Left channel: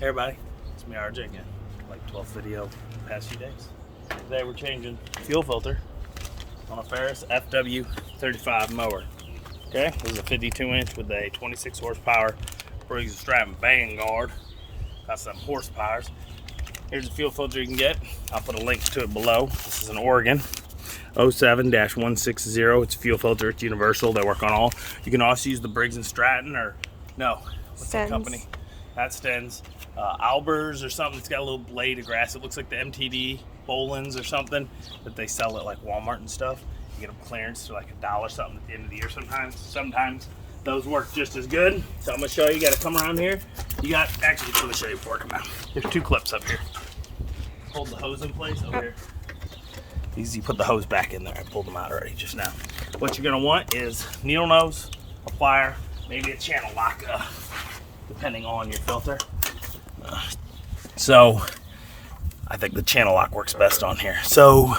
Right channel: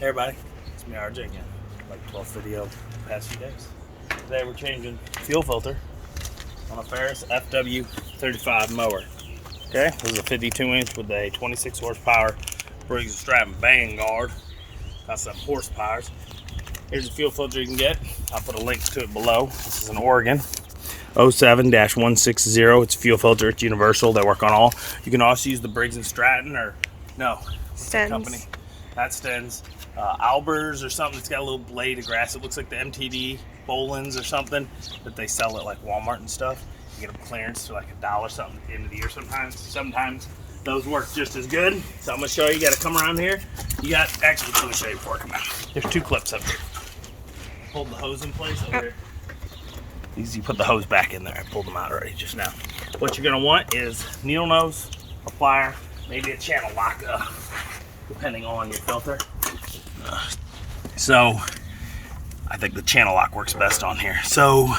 Hey everybody, it's me RJ again. Like 12th video the past few days. Today we're changing fuel filter on a Ferris FW35 mower. Okay, this is a 52-inch with a 26 horsepower Briggs & Stratton bang guard. Got some horsepowers. Here's the fuel filter you can get. I'll put a link to it below. This is an Oregon 07-160. It's a fuel filter. It's universal. They work on all. You can also use the Briggs & Stratton or no, what's that company? That's Sten's. Albers or something. It's got a little blade of grass. It looks like the MTD Bolins or something that they sell at like Walmart and stuff. You get them clearance for like $1 something at the end of the year sometimes. Sometimes those work just as good. So I'm gonna show you. You gotta come around here. You got, actually, let me show you before I come out. There's two clips up here. Hold the hose in place over here. These, you put the hose back in there. I pulled them out already just now. What you're gonna want is needle nose, a plier, maybe a channel lock, depending on your filter. So I think the channel lock works best on here. So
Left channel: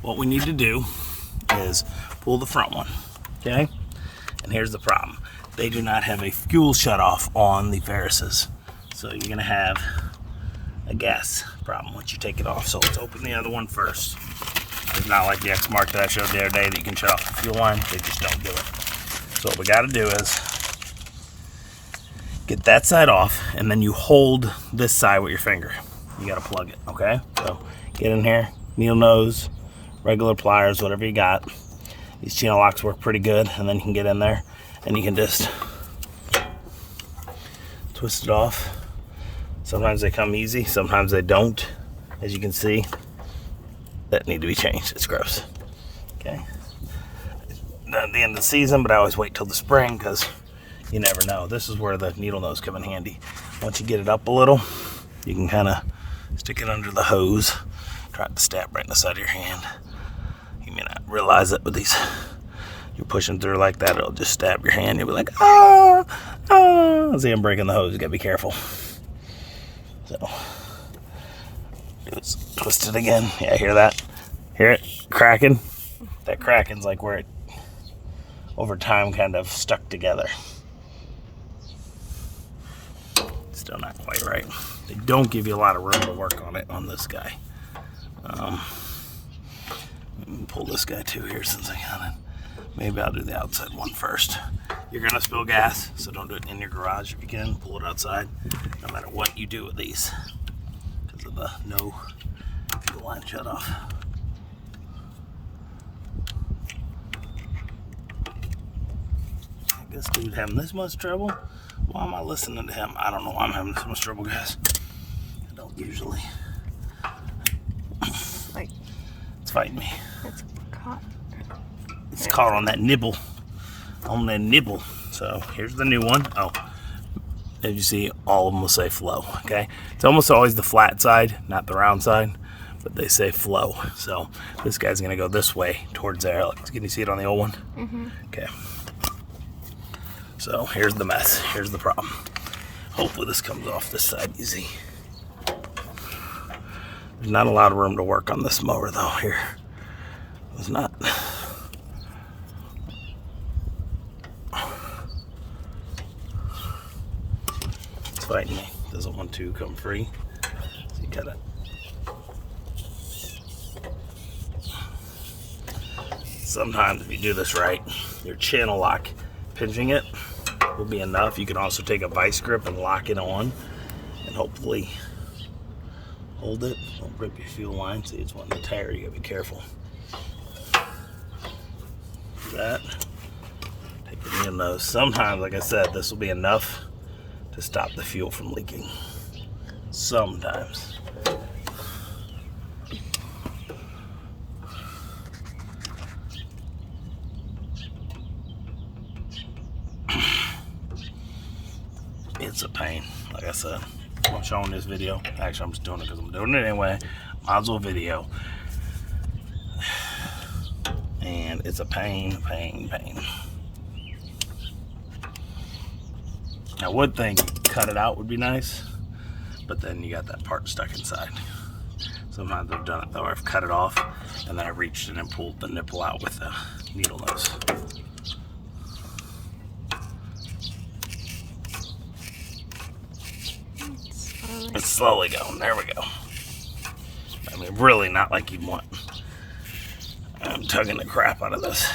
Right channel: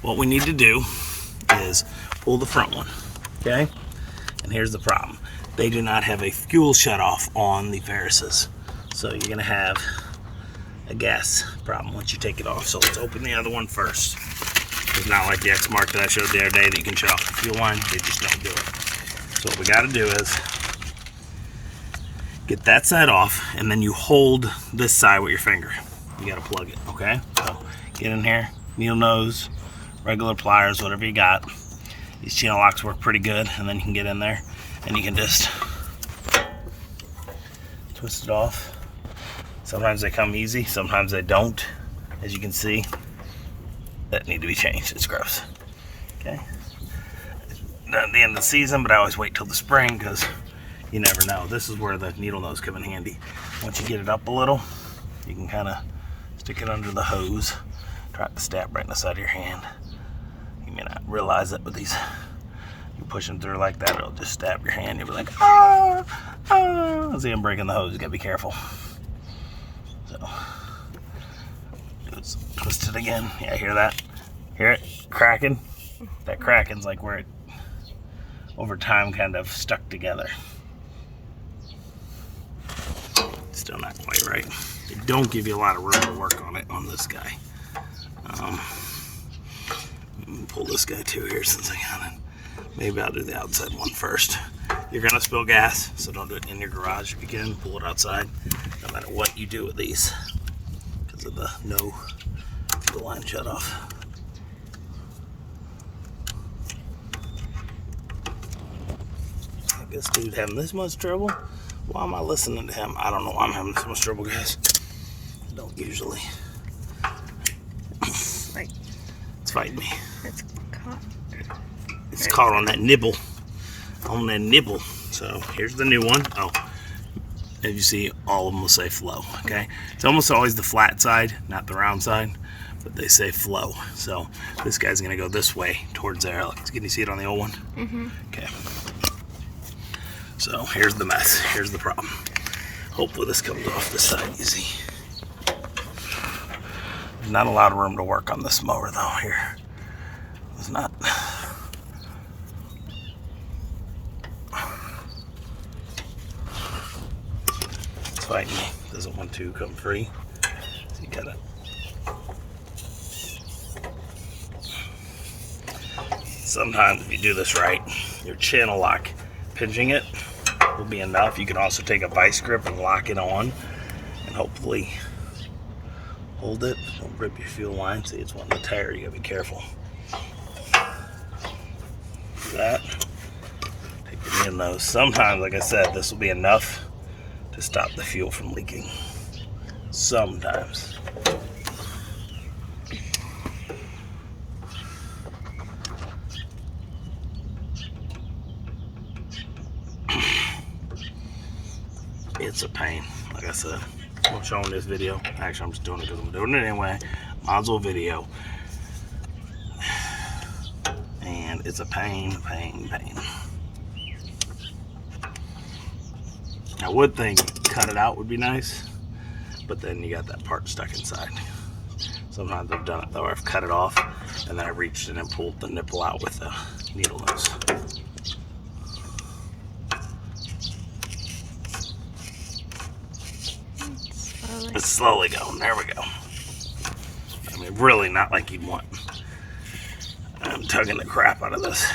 what we need to do is pull the front one, okay? And here's the problem. They do not have a fuel shutoff on the Ferrises. So you're gonna have a gas problem once you take it off. So let's open the other one first. It's not like the X-Mark that I showed the other day that you can shut off the fuel line. They just don't do it. So what we gotta do is get that side off, and then you hold this side with your finger. You gotta plug it, okay? So get in here, needle nose, regular pliers, whatever you got. These channel locks work pretty good, and then you can get in there and you can just twist it off. Sometimes they come easy, sometimes they don't. As you can see, that need to be changed. It's gross. Okay. Not at the end of the season, but I always wait till the spring because you never know. This is where the needle nose come in handy. Once you get it up a little, you can kind of stick it under the hose. Try to stab right in the side of your hand. You may not realize it, but these, you're pushing through like that, it'll just stab your hand. You'll be like, ah, ah. See, I'm breaking the hose. You gotta be careful. So, let's twist it again. Yeah, hear that? Hear it cracking? That cracking's like where it, over time, kind of stuck together. Still not quite right. They don't give you a lot of room to work on it on this guy. Let me pull this guy too here since I got it. Maybe I'll do the outside one first. You're gonna spill gas, so don't do it in your garage if you can. Pull it outside, no matter what you do with these, because of the no fuel line shut off. I guess dude having this much trouble. Why am I listening to him? I don't know why I'm having so much trouble, guys. I don't usually. Like, it's fighting me. It's caught. It's caught on that nibble. On that nibble. So here's the new one. Oh, as you see, all of them will say flow. Okay, it's almost always the flat side, not the round side, but they say flow. So this guy's gonna go this way towards there. Can you see it on the old one? Mm-hmm. Okay. So here's the mess. Here's the problem. Hopefully this comes off this side easy. There's not a lot of room to work on this mower though here. There's not. It's fighting me. Doesn't want to come free. So you gotta. Sometimes if you do this right, your channel lock, pinching it will be enough. You can also take a vice grip and lock it on and hopefully hold it. Don't rip your fuel line. See, it's one of the tire. You gotta be careful. That. Take your needle nose. Sometimes, like I said, this will be enough to stop the fuel from leaking. Sometimes. It's a pain, like I said. I'm showing this video. Actually, I'm just doing it because I'm doing it anyway. Might as well video. And it's a pain. I would think cut it out would be nice, but then you got that part stuck inside. Sometimes I've done it though, I've cut it off and then I reached in and pulled the nipple out with the needle nose. It's slowly. It's slowly going. There we go. I mean, really not like you'd want. I'm tugging the crap out of this.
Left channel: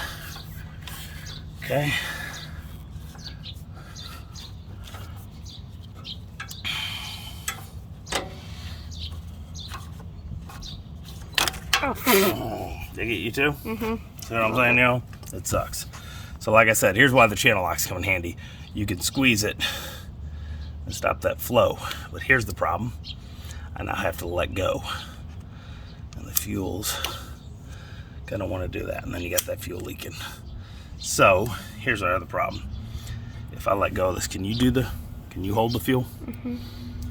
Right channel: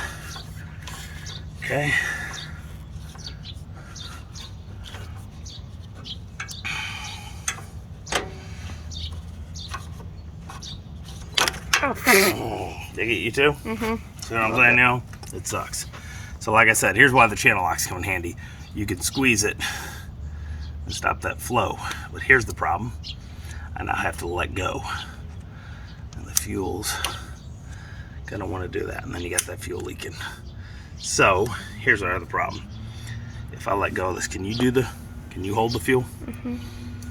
Okay. Oh, They get you too? mm-hmm. See what I'm saying now? It sucks. So like I said, here's why the channel locks come in handy. You can squeeze it and stop that flow. But here's the problem. I now have to let go. And the fuel's gonna want to do that. And then you got that fuel leaking. So here's our other problem. If I let go of this, can you hold the fuel? Mm-hmm.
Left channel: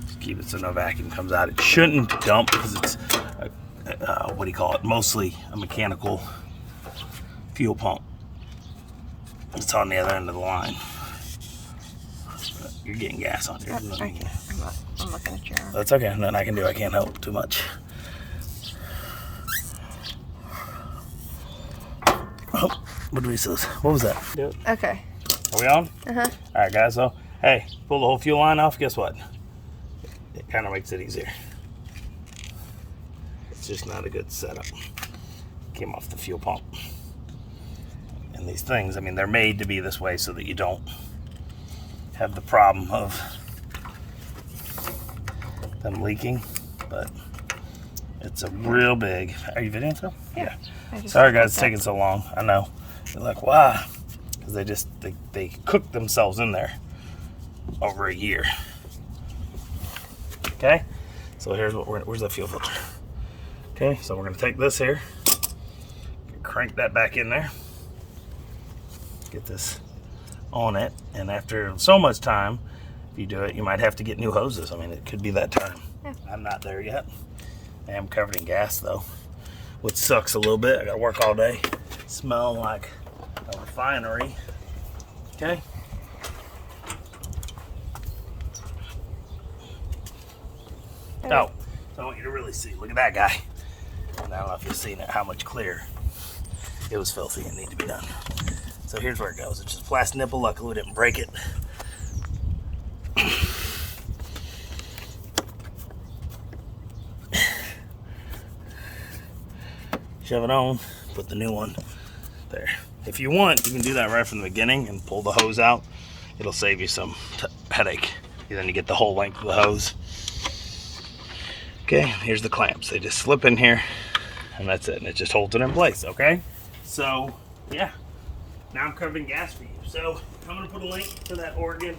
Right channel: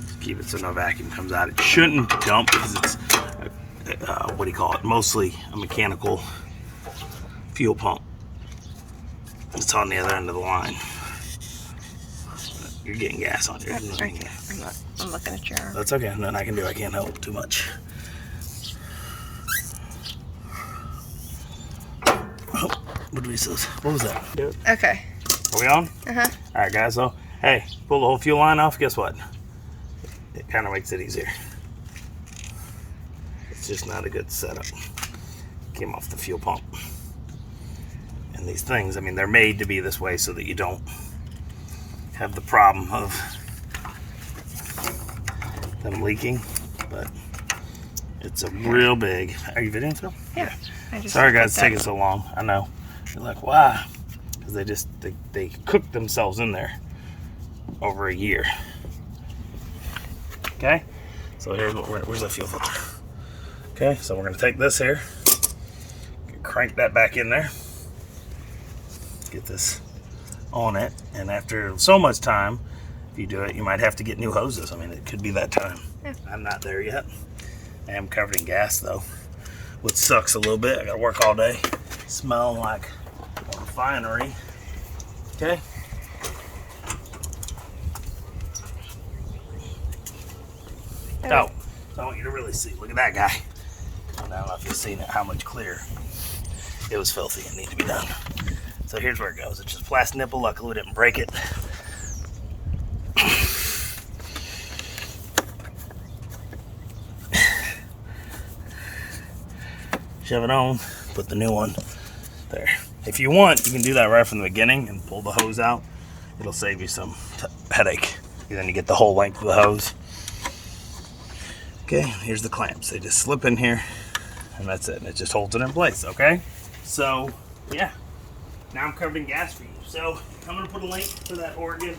Just keep it so no vacuum comes out. It shouldn't dump because it's, what do you call it? Mostly a mechanical fuel pump. It's on the other end of the line. You're getting gas on here. Okay. I'm looking at your arm. That's okay. Nothing I can do. I can't help too much. Oh, what did we say? What was that? Do it. Okay. Are we on? Uh-huh. All right, guys. So, hey, pull the whole fuel line off. Guess what? It kind of makes it easier. It's just not a good setup. Came off the fuel pump. And these things, I mean, they're made to be this way so that you don't have the problem of them leaking. But it's a real big. Are you videoing still? Yeah. Sorry, guys, it's taking so long. I know. You're like, why? Because they cooked themselves in there over a year. Okay. So here's what where's the fuel filter? Okay. So we're gonna take this here, crank that back in there. Get this on it, and after so much time, if you do it, you might have to get new hoses. I mean, it could be that time. Yeah. I'm not there yet. I am covered in gas though, which sucks a little bit. I gotta work all day, smell like a refinery. Okay. Oh, so I want you to really see. Look at that guy. I don't know if you've seen it, how much clearer. It was filthy and needed to be done. So here's where it goes. It's just plastic nipple. Luckily we didn't break it. Shove it on, put the new one there. If you want, you can do that right from the beginning and pull the hose out. It'll save you some headache. Then you get the whole length of the hose. Okay, here's the clamps. They just slip in here and that's it. And it just holds it in place, okay? So, yeah. Now I'm covered in gas for you. So I'm gonna put a link to that Oregon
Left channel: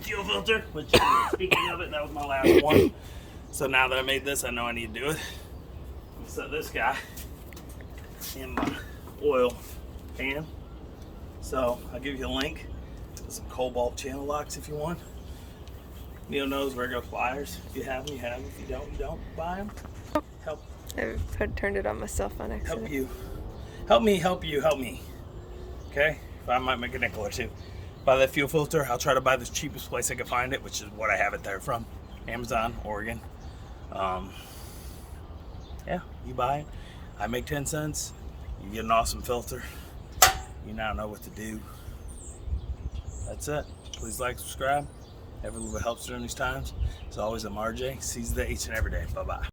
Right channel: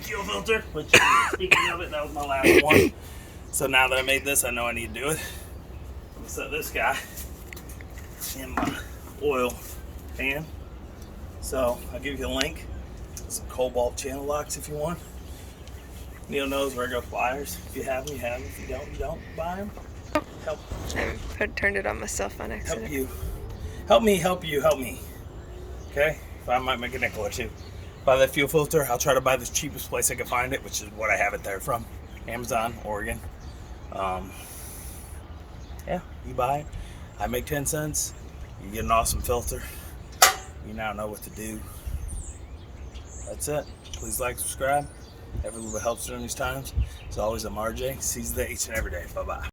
fuel filter, which speaking of it, that was my last one. So now that I made this, I know I need to do it. I'm gonna set this guy in my oil pan. So I'll give you a link. Some Cobalt channel locks if you want. Neil knows where to go pliers. If you have them, you have them. If you don't, you don't. Buy them. Help. I turned it on myself on accident. Help you. Help me, help you, help me. Okay? If I might make a nickel or two. Buy that fuel filter. I'll try to buy the cheapest place I can find it, which is what I have it there from. Amazon, Oregon. Yeah, you buy it. I make 10 cents. You get an awesome filter. You now know what to do. That's it. Please like, subscribe. Every little bit helps during these times. As always, I'm RJ. Seize the day each and every day. Bye-bye.